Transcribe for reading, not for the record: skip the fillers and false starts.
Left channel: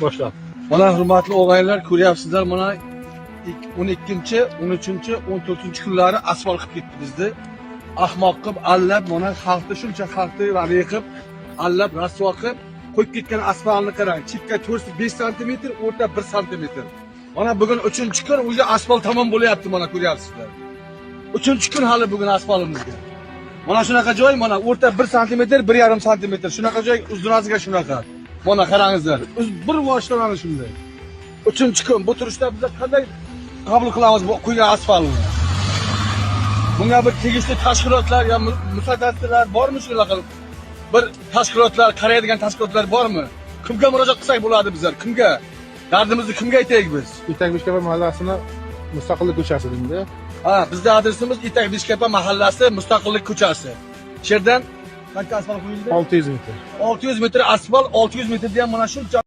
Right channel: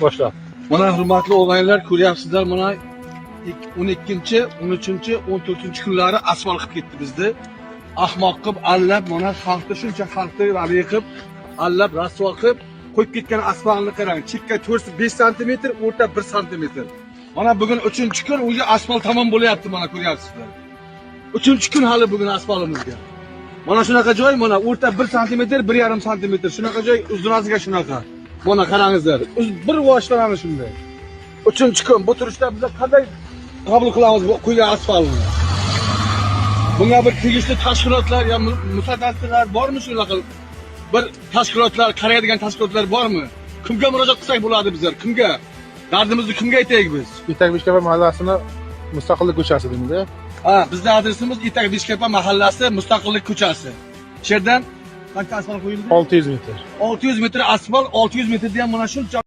Boşla. Mana hurmatli o'g'aylar, ko'ryapsizlar, mana 12-chi, 13-chi, 14-chi kunlari asfalt qilib ketdi bizni. Ahmoq qilib, allab, mana xalqni shuncha xalqni vali qilib, allab, rasvo qilib qo'yib ketgan asfaltni qarang. Chekka 5 sm, o'rta 1 sm. Mana bugun 3-kun o'zi asfalt tamom bo'lyapti, mana ko'ryapsizlar. 3-kun hali bugun asfaltimizga. Mana shunaqa joy, mana o'rta 1 sm, 1,5 sm. Shunaqa joy uzunasiga shunaqa. Mana qarangizlar. Bir vositalarni shunday. 3-kun bu turishda biz qanday qabul qilamiz bu qo'ygan asfaltni? Bunga bir tegishli tashkilotlar ya mutasaddilar bormi shunaqa? Bir tashkilotlar, qaraydigan tashkilotlar bormi? Kimga murojaat qilsak bo'ladi bizlar? Kimga? Dardimizni kimga aytaylik biz? İtak Beshkapa mahallasini Mustaqillik ko'chasi deydi. Ha, bizning adresimiz İtak Beshkapa mahallasi, Mustaqillik ko'chasi. Shu yerdan qancha asfalt qo'yildi? 600 metr. 600 metr asfalt, 600 metrda ham mana shuncha